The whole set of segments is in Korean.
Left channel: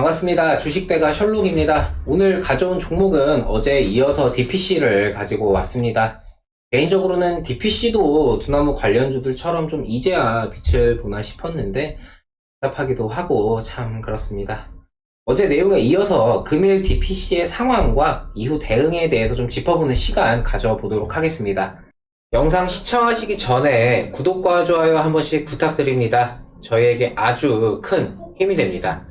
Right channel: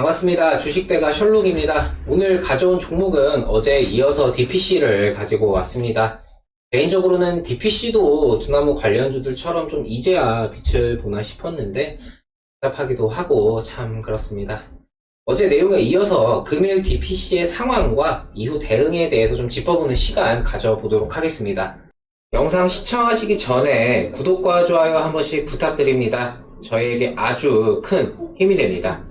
반갑습니다. 주식대가 셜록입니다. 오늘 가져온 종목은 어제 이어서 DPC를 가지고 왔습니다. 개인적으로는 DPC도 두나무 관련주들처럼 좀 이제야 빛을 보나 싶었는데 답답하기도 하고 참 그렇습니다. 어제 내용에 이어서 금일 DPC의 상황과 이후 대응에 대해서 좀 짚어보는 시간 가져보도록 하겠습니다. 영상 시청하시기 전에 구독과 좋아요 한 번씩 부탁드립니다. 저희에게 아주 큰 힘이 됩니다.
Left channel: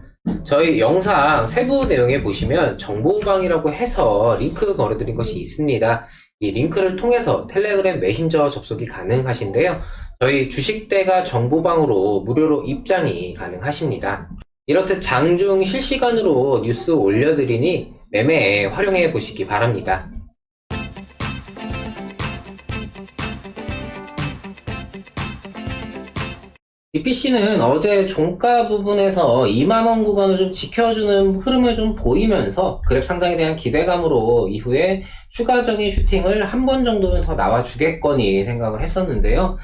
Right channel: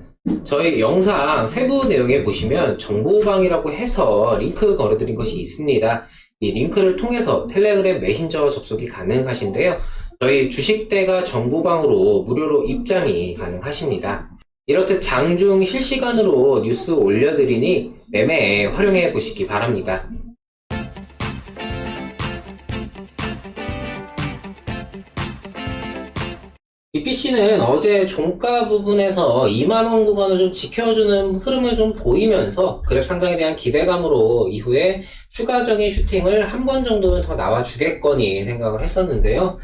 저희 영상 세부 내용에 보시면 정보방이라고 해서 링크 걸어드린 것이 있습니다. 이 링크를 통해서 텔레그램 메신저 접속이 가능하신데요. 저희 주식대가 정보방으로 무료로 입장이 가능하십니다. 이렇듯 장중 실시간으로 뉴스 올려드리니 매매에 활용해 보시기 바랍니다. DPC는 어제 종가 부분에서 2만원 구간을 좀 지켜주는 흐름을 좀 보이면서 그랩 상장에 대한 기대감으로 이후에 추가적인 슈팅을 한 번 정도는 더 나와주겠거니 생각을 했었는데요.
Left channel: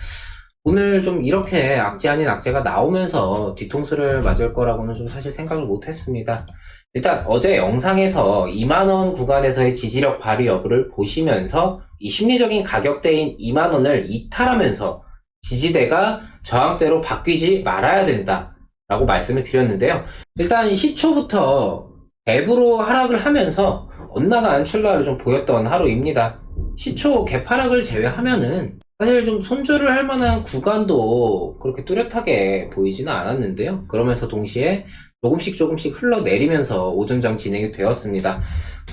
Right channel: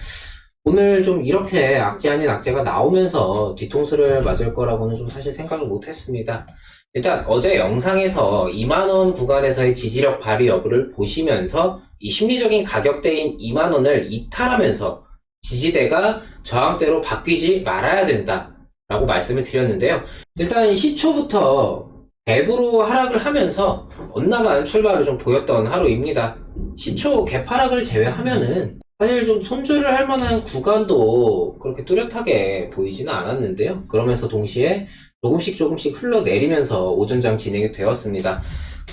오늘 좀 이렇게 악재 아닌 악재가 나오면서 뒤통수를 맞을 거라고는 좀 사실 생각을 못했습니다. 일단 어제 영상에서 2만원 구간에서의 지지력 발휘 여부를 보시면서 이 심리적인 가격대인 2만원을 이탈하면서 지지대가 저항대로 바뀌지 말아야 된다 라고 말씀을 드렸는데요. 일단 시초부터 갭으로 하락을 하면서 엇나간 출발을 좀 보였던 하루입니다. 시초 갭 하락을 제외하면은 사실 좀 손절을 할 만한 구간도 그렇게 뚜렷하게 보이지는 않았는데요. 그러면서 동시에 조금씩 흘러내리면서 오전장 진행이 되었습니다.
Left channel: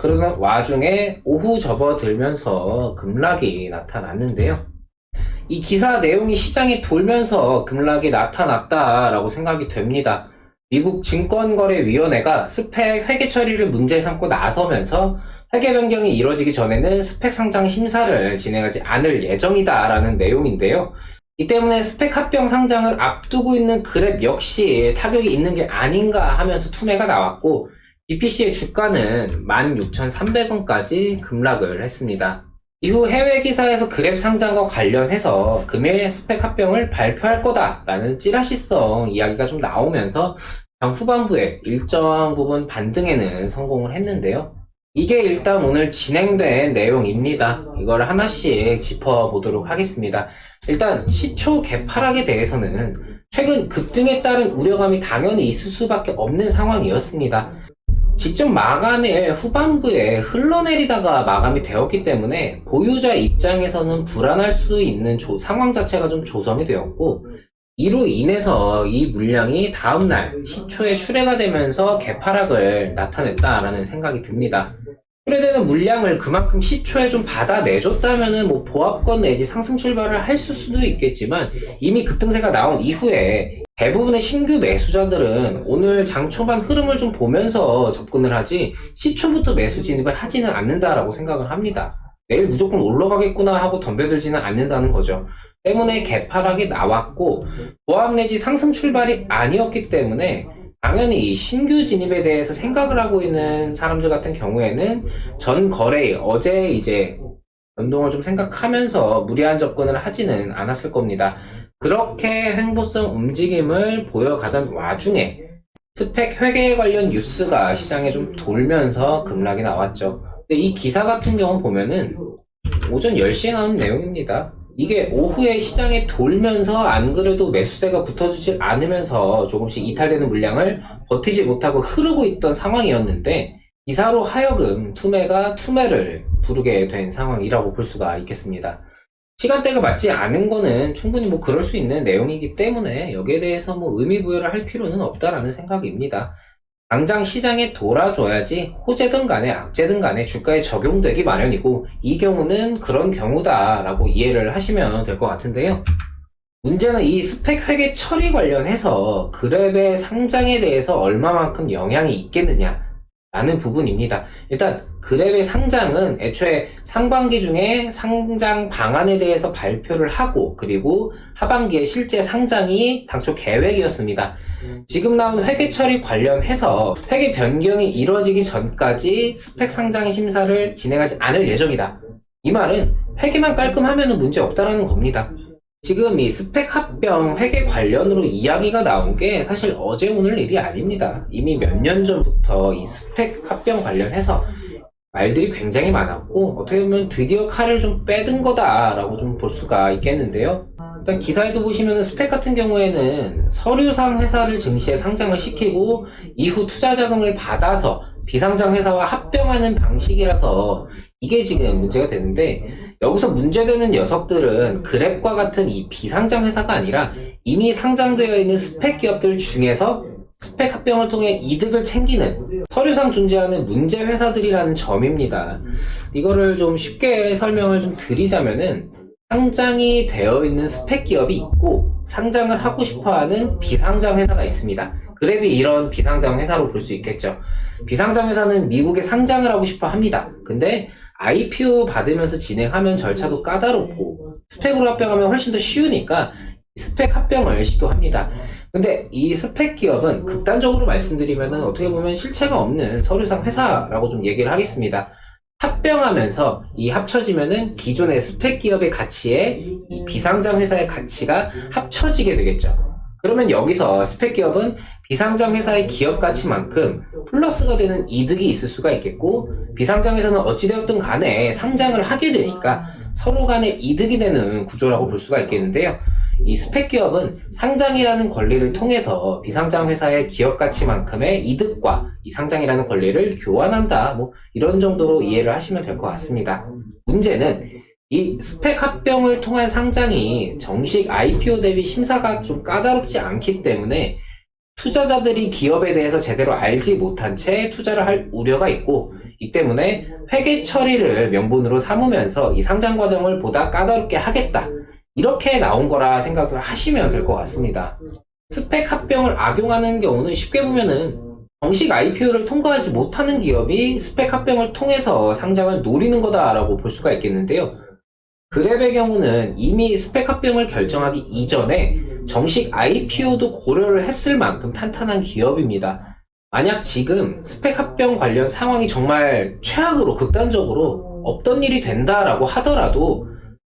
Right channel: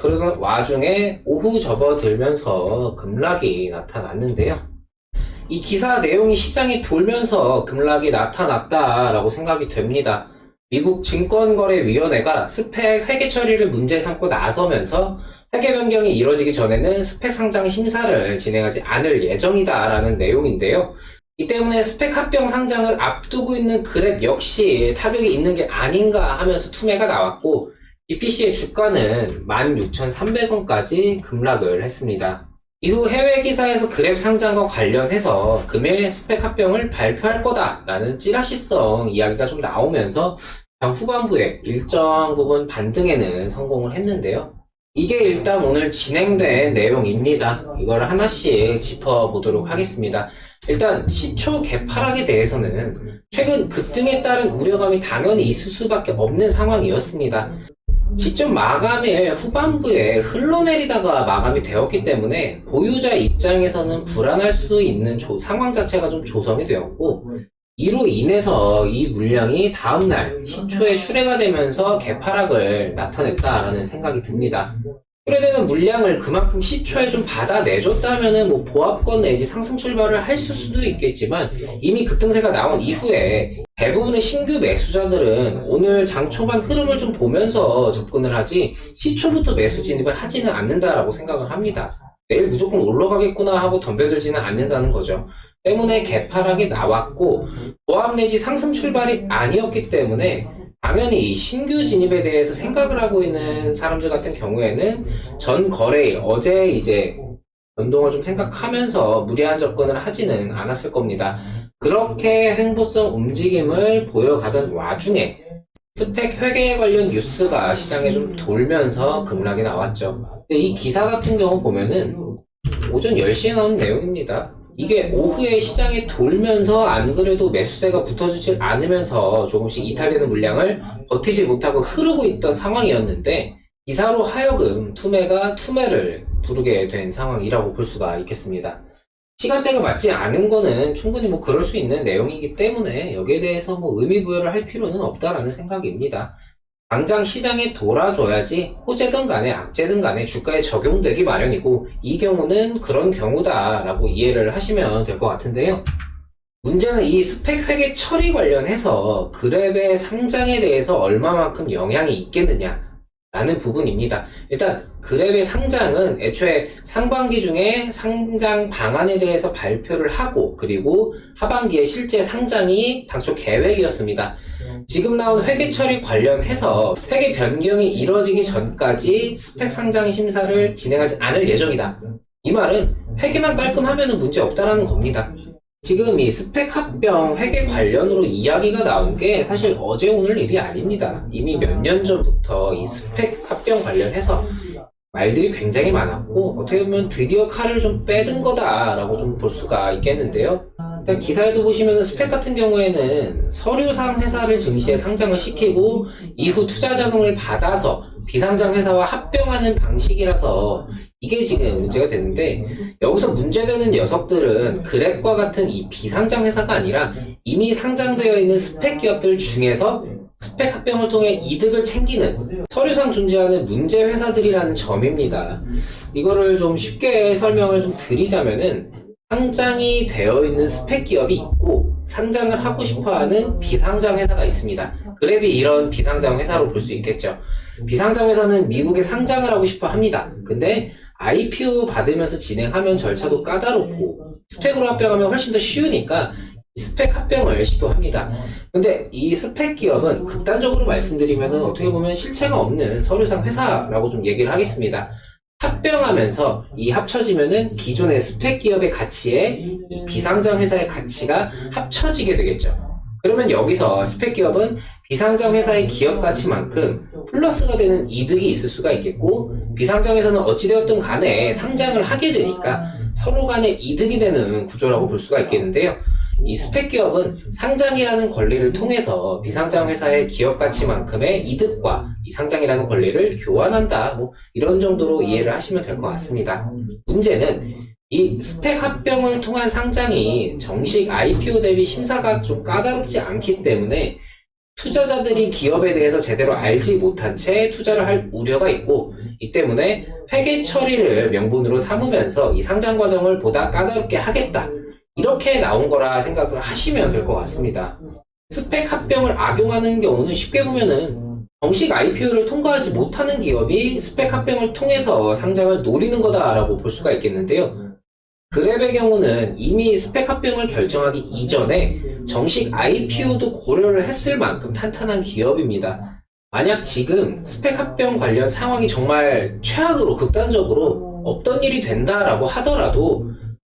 그러는 와중에 오후 접어들면서 급락이 나타났는데요. 이 기사 내용이 시장에 돌면서 급락이 나타났다라고 생각이 됩니다. 미국 증권거래위원회가 스펙 회계 처리를 문제 삼고 나서면서 회계 변경이 이루어지기 전에는 스펙 상장 심사를 진행하지 않을 예정이다라는 내용인데요. 이 때문에 스펙 합병 상장을 앞두고 있는 그랩 역시 타격이 있는 게 아닌가 하면서 투매가 나왔고 DPC의 주가는 16,300원까지 급락을 했습니다. 이후 해외 기사에서 그랩 상장과 관련해서 금일 스펙 합병을 발표할 거다라는 찌라시성 이야기가 좀 나오면서 장 후반부에 일정 부분 반등에는 성공을 했는데요. 이게 일단 오늘 진행된 내용입니다. 이걸 하나씩 짚어보도록 하겠습니다. 일단 시초 갭 하락에 대해서는 최근 급등에 따른 우려감이 당연히 있을 수밖에 없는 상황이었습니다. 직접 마감일 후반부에 흘러내리다가 마감이 되었기 때문에 보유자 입장에서는 불안할 수 있는 상황 자체가 좀 조성이 되었고 이로 인해서 이 물량이 다음날 시초에 출회가 되면서 개파락을 나타냈다라는 생각이 듭니다. 출회되는 물량을 그만큼 시초에 좀 받아내줬다면은 뭐 보합권 내지 상승 출발을 했을 수도 있겠지만 이미 급등세가 나온 이후에 대부분의 신규 매수자들은 오늘 장 초반 흐름을 좀 보면서 접근을 하지 시초부터 매수 진입을 하지는 않는다라고 생각을 합니다. 내일 무조건 올라가겠구나 하고 덤벼들지는 않는다는 거죠. 때문에 개파락이 나왔고 보합 내지 상승 출발이 아니었기 때문에 당연히 이 신규 진입에 대해서 생각을 하고 있는 사람들 같은 경우에는 전 거래일 어제 이제 변동을 좀 생각하면서 무리한 접근을 하지는 않았을 겁니다. 그렇게 횡보성 움직임을 보여가던 와중에 스펙 회계 관련 뉴스가 시장에 좀 돌면서 급락이 나왔죠. 근데 이 기사 같은 경우 보면은 오전 10시에 나온 내용입니다. 이게 오후에 시장에 돌면서 안 그래도 매수세가 붙어주질 않으면서 조금씩 이탈되는 물량을 버티지 못하고 흐르고 있던 상황이었는데 기사로 하여금 투매가 투매를 부르게 된 상황이라고 볼 수가 있겠습니다. 시간대가 맞지 않은 거는 충분히 뭐 그럴 수 있는 내용이기 때문에 여기에 대해서 뭐 의미 부여를 할 필요는 없다라는 생각입니다. 당장 시장에 돌아줘야지 호재든 간에 악재든 간에 주가에 적용되기 마련이고 이 경우는 그런 경우다라고 이해를 하시면 될 것 같은데요. 문제는 이 스펙 회계 처리 관련해서 그랩의 상장에 대해서 얼마만큼 영향이 있겠느냐 라는 부분입니다. 일단 그랩의 상장은 애초에 상반기 중에 상장 방안에 대해서 발표를 하고 그리고 하반기에 실제 상장이 당초 계획이었습니다. 지금 나온 회계 처리 관련해서 회계 변경이 이루어지기 전까지 스펙 상장 심사를 진행하지 않을 예정이다. 이 말은 회계만 깔끔하면 문제 없다라는 겁니다. 지금 이 스펙 합병 회계 관련으로 이야기가 나온 게 사실 어제 오늘 일이 아닙니다. 이미 몇 년 전부터 이 스펙 합병 관련해서 말들이 굉장히 많았고, 어떻게 보면 드디어 칼을 좀 빼든 거다라고 좀 볼 수가 있겠는데요. 일단 기사에도 보시면 스펙 같은 경우에는 서류상 회사를 증시에 상장을 시키고 이후 투자 자금을 받아서 비상장 회사와 합병하는 방식이라서 이게 지금 문제가 되는데, 여기서 문제되는 녀석들은 그랩과 같은 이 비상장 회사가 아니라 이미 상장되어 있는 스펙 기업들 중에서 스펙 합병을 통해 이득을 챙기는 서류상 존재하는 문제 회사들이라는 점입니다. 이거를 좀 쉽게 설명을 좀 드리자면은, 상장이 되어 있는 스펙 기업이 있고 상장을 하고 싶어하는 비상장 회사가 있습니다. 그랩이 이런 비상장 회사로 볼 수 있겠죠. 비상장 회사는 미국에 상장을 하고 싶어 합니다. 근데 IPO 받으면서 진행하면 절차도 까다롭고 스펙으로 합병하면 훨씬 더 쉬우니까 스펙 합병을 시도합니다. 근데 이 스펙 기업은 극단적으로 말씀드리면 어떻게 보면 실체가 없는 서류상 회사라고 좀 얘기를 하겠습니다. 합병하면서 이 합쳐지면은 기존의 스펙 기업의 가치에 이 비상장 회사의 가치가 합쳐지게 되겠죠. 그러면 여기서 스펙 기업은 비상장 회사의 기업 가치만큼 플러스가 되는 이득이 있을 수가 있겠고, 비상장 회사는 어찌되었든 간에 상장을 하게 되니까 서로 간에 이득이 되는 구조라고 볼 수가 있겠는데요. 이 스펙 기업은 상장이라는 권리를 통해서 비상장 회사의 기업 가치만큼의 이득과 이 상장이라는 권리를 교환한다, 뭐 이런 정도로 이해를 하시면 될 것 같습니다. 문제는 이 스펙 합병을 통한 상장이 정식 IPO 대비 심사가 좀 까다롭지 않기 때문에 투자자들이 기업에 대해서 제대로 알지 못한 채 투자를 할 우려가 있고, 이 때문에 회계 처리를 명분으로 삼으면서 이 상장 과정을 보다 까다롭게 하겠다, 이렇게 나온 거라 생각을 하시면 될 것 같습니다. 스펙 합병을 악용하는 경우는 쉽게 보면은 정식 IPO를 통과하지 못하는 기업이 스펙 합병을 통해서 상장을 노리는 거다라고 볼 수가 있겠는데요. 그랩의 경우는 이미 스펙 합병을 결정하기 이전에 정식 IPO도 고려를 했을 만큼 탄탄한 기업입니다. 만약 지금 스펙 합병 관련 상황이 정말 최악으로 극단적으로 없던 일이 된다라고 하더라도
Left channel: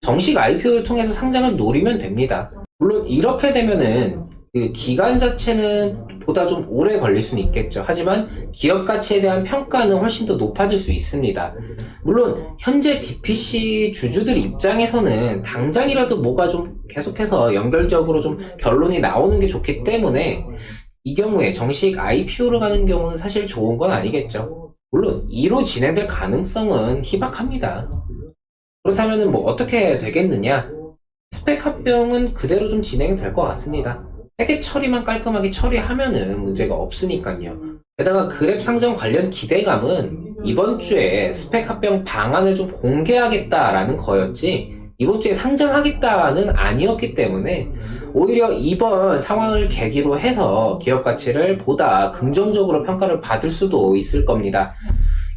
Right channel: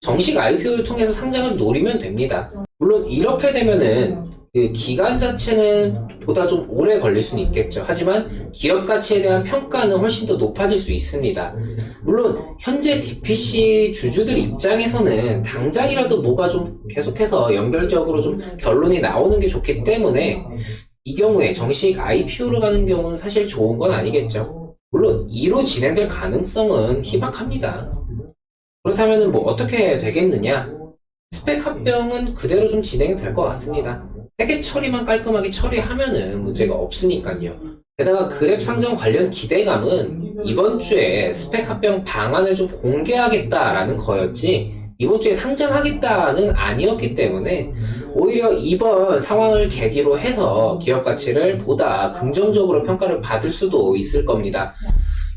정식 IPO를 통해서 상장을 노리면 됩니다. 물론 이렇게 되면은 그 기간 자체는 보다 좀 오래 걸릴 수는 있겠죠. 하지만 기업 가치에 대한 평가는 훨씬 더 높아질 수 있습니다. 물론 현재 DPC 주주들 입장에서는 당장이라도 뭐가 좀 계속해서 연결적으로 좀 결론이 나오는 게 좋기 때문에 이 경우에 정식 IPO로 가는 경우는 사실 좋은 건 아니겠죠. 물론 이로 진행될 가능성은 희박합니다. 그렇다면 뭐 어떻게 되겠느냐? 스펙 합병은 그대로 좀 진행이 될 것 같습니다. 회계 처리만 깔끔하게 처리하면은 문제가 없으니까요. 게다가 그랩 상장 관련 기대감은 이번 주에 스펙 합병 방안을 좀 공개하겠다라는 거였지, 이번 주에 상장하겠다는 아니었기 때문에 오히려 이번 상황을 계기로 해서 기업 가치를 보다 긍정적으로 평가를 받을 수도 있을 겁니다.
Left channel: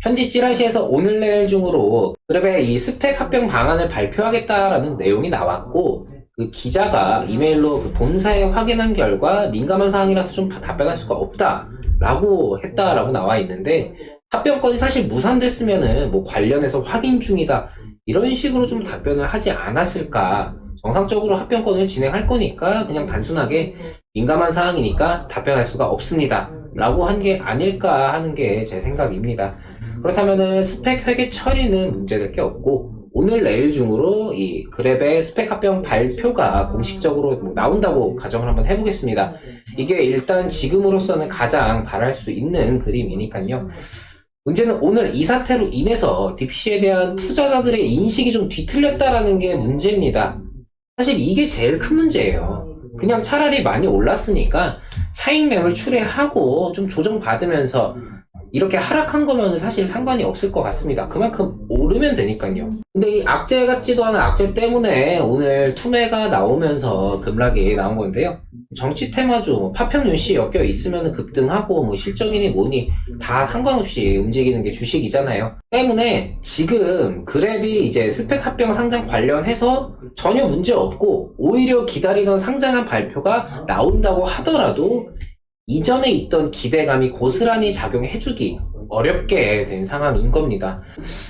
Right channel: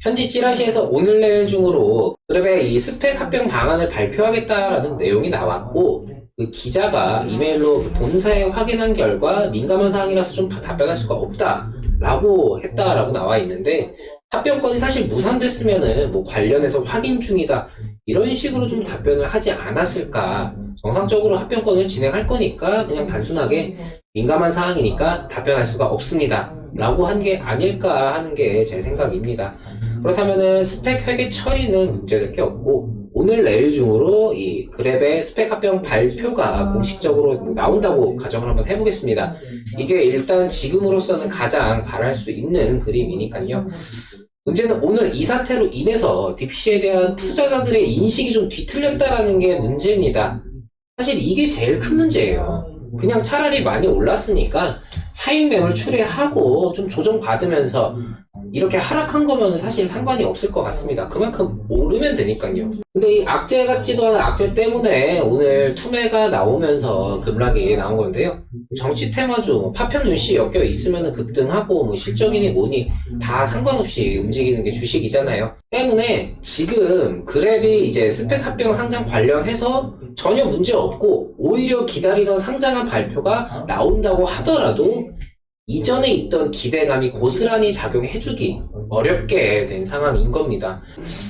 현지 찌라시에서 오늘 내일 중으로 그랩의 이 스펙 합병 방안을 발표하겠다라는 내용이 나왔고, 그 기자가 이메일로 그 본사에 확인한 결과 민감한 사항이라서 좀 답변할 수가 없다라고 했다라고 나와 있는데, 합병권이 사실 무산됐으면은 뭐 관련해서 확인 중이다 이런 식으로 좀 답변을 하지 않았을까. 정상적으로 합병권을 진행할 거니까 그냥 단순하게 민감한 사항이니까 답변할 수가 없습니다 라고 한 게 아닐까 하는 게 제 생각입니다. 그렇다면은 스펙 회계 처리는 문제될 게 없고, 오늘 내일 중으로 이 그랩의 스펙 합병 발표가 공식적으로 나온다고 가정을 한번 해보겠습니다. 이게 일단 지금으로서는 가장 바랄 수 있는 그림이니까요. 문제는 오늘 이 사태로 인해서 DPC에 대한 투자자들의 인식이 좀 뒤틀렸다라는 게 문제입니다. 사실 이게 제일 큰 문제예요. 그냥 차라리 많이 올랐으니까 차익 매물 출회하고 좀 조정받으면서 이렇게 하락한 거면 사실 상관이 없을 것 같습니다. 그만큼 오르면 되니까요. 근데 이 악재 같지도 않은 악재 때문에 오늘 투매가 나오면서 급락이 나온 건데요. 정치 테마주, 파평윤씨 엮여 있으면 급등하고 뭐 실적이니 뭐니 다 상관없이 움직이는 게 주식이잖아요. 때문에 지금 그랩이 이제 스펙 합병 상장 관련해서 전혀 문제 없고 오히려 기다리던 상장한 발표가 나온다고 하더라도 이전에 있던 기대감이 고스란히 작용해주기, 어렵게 된 상황인 겁니다.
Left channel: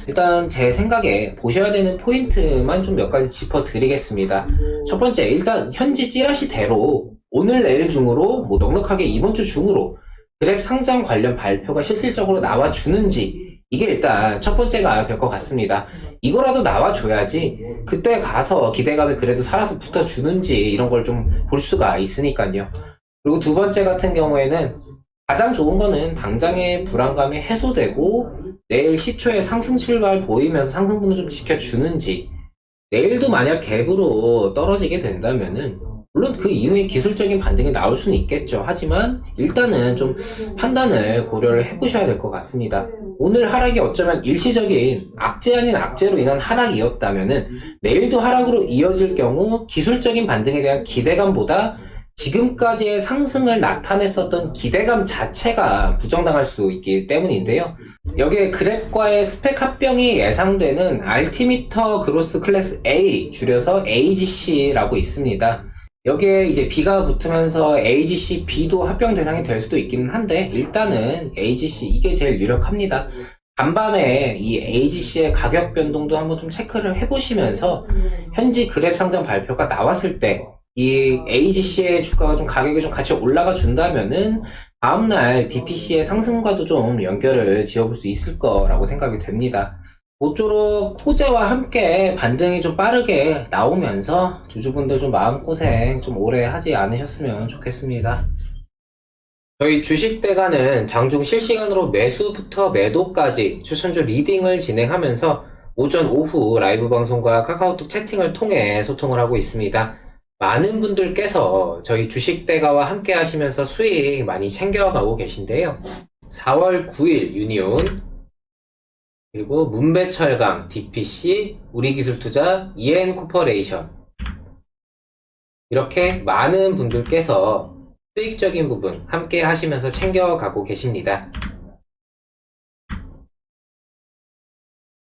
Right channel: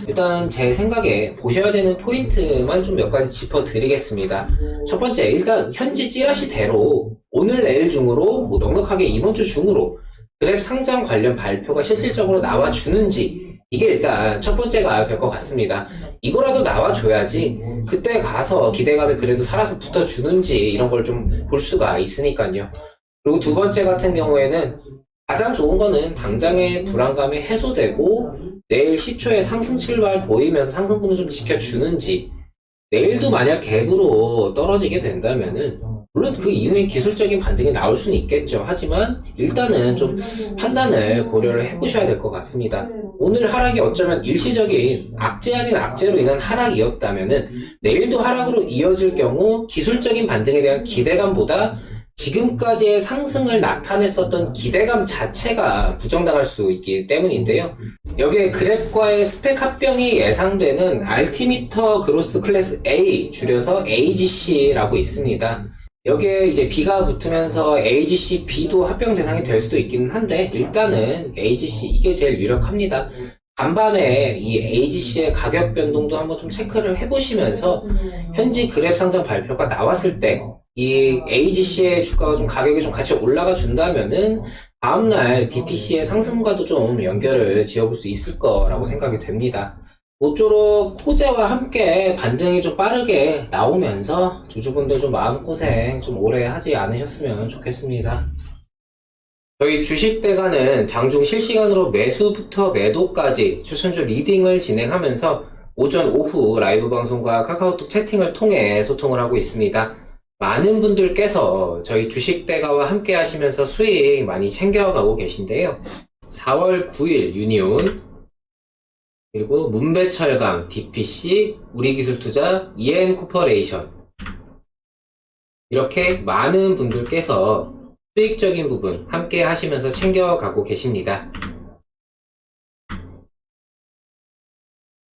일단 제 생각에 보셔야 되는 포인트만 좀 몇 가지 짚어드리겠습니다. 첫 번째, 일단 현지 찌라시대로 오늘 내일 중으로 뭐 넉넉하게 이번 주 중으로 그랩 상장 관련 발표가 실질적으로 나와주는지, 이게 일단 첫 번째가 될 것 같습니다. 이거라도 나와줘야지 그때 가서 기대감이 그래도 살아서 붙어주는지 이런 걸 좀 볼 수가 있으니까요. 그리고 두 번째 같은 경우에는 가장 좋은 거는 당장의 불안감이 해소되고 내일 시초에 상승 출발 보이면서 상승분을 좀 지켜주는지, 내일도 만약 갭으로 떨어지게 된다면은 물론 그 이후에 기술적인 반등이 나올 수는 있겠죠. 하지만 일단은 좀 판단을 고려를 해보셔야 될 것 같습니다. 오늘 하락이 어쩌면 일시적인 악재 아닌 악재로 인한 하락이었다면은 내일도 하락으로 이어질 경우 기술적인 반등에 대한 기대감보다 지금까지의 상승을 나타냈었던 기대감 자체가 부정당할 수 있기 때문인데요. 여기에 그랩과의 스펙 합병이 예상되는 알티미터 그로스 클래스 A, 줄여서 AGC라고 있습니다. 여기에 이제 B가 붙으면서 AGC B도 합병 대상이 될 수도 있기는 한데, 일단은 AGC 이게 제일 유력합니다. 간밤에 이 AGC의 가격 변동도 한번 좀 체크를 해보시면서 현지 그랩 상장 발표가 나왔을 때 이 AGC의 주가가 좀 가격이 좀 같이 올라가 준다면은 다음날 DPC의 상승과도 좀 연결을 지어볼 수 있을 거라고 생각이 됩니다. 모쪼록 호재와 함께 반등이 좀 빠르게 나오면서 주주분들 좀 마음고생 좀 오래 하지 않으셨으면 좋겠습니다. 저희 주식대가는 장중 실시간으로 매수부터 매도까지 추천주 리딩을 진행하면서 오전, 오후 라이브 방송과 카카오톡 채팅을 통해 소통을 하고 있습니다. 많은 분들께서 저희 주식대가와 함께 하시면서 수익 많이 챙겨가고 계신데요. 4월 9일 유니온, 그리고 문배철강, DPC, 우리기술투자, EN코퍼레이션, 이렇게 많은 분들께서 수익적인 부분 함께 하시면서 챙겨가고 계십니다.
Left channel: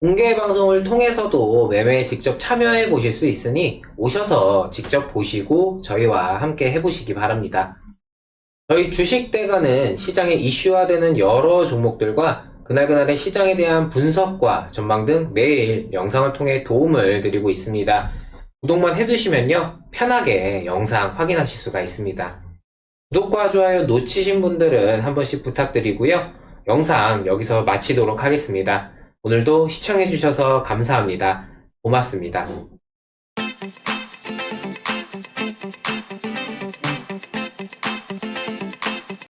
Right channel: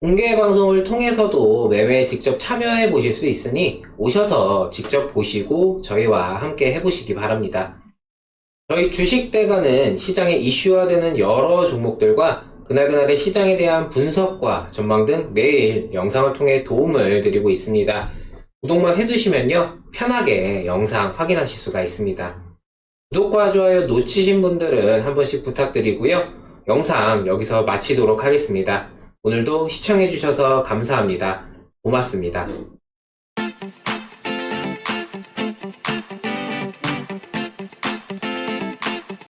공개 방송을 통해서도 매매에 직접 참여해 보실 수 있으니 오셔서 직접 보시고 저희와 함께 해보시기 바랍니다. 저희 주식대가는 시장에 이슈화되는 여러 종목들과 그날그날의 시장에 대한 분석과 전망 등 매일 영상을 통해 도움을 드리고 있습니다. 구독만 해두시면요, 편하게 영상 확인하실 수가 있습니다. 구독과 좋아요 놓치신 분들은 한 번씩 부탁드리고요. 영상 여기서 마치도록 하겠습니다. 오늘도 시청해주셔서 감사합니다. 고맙습니다.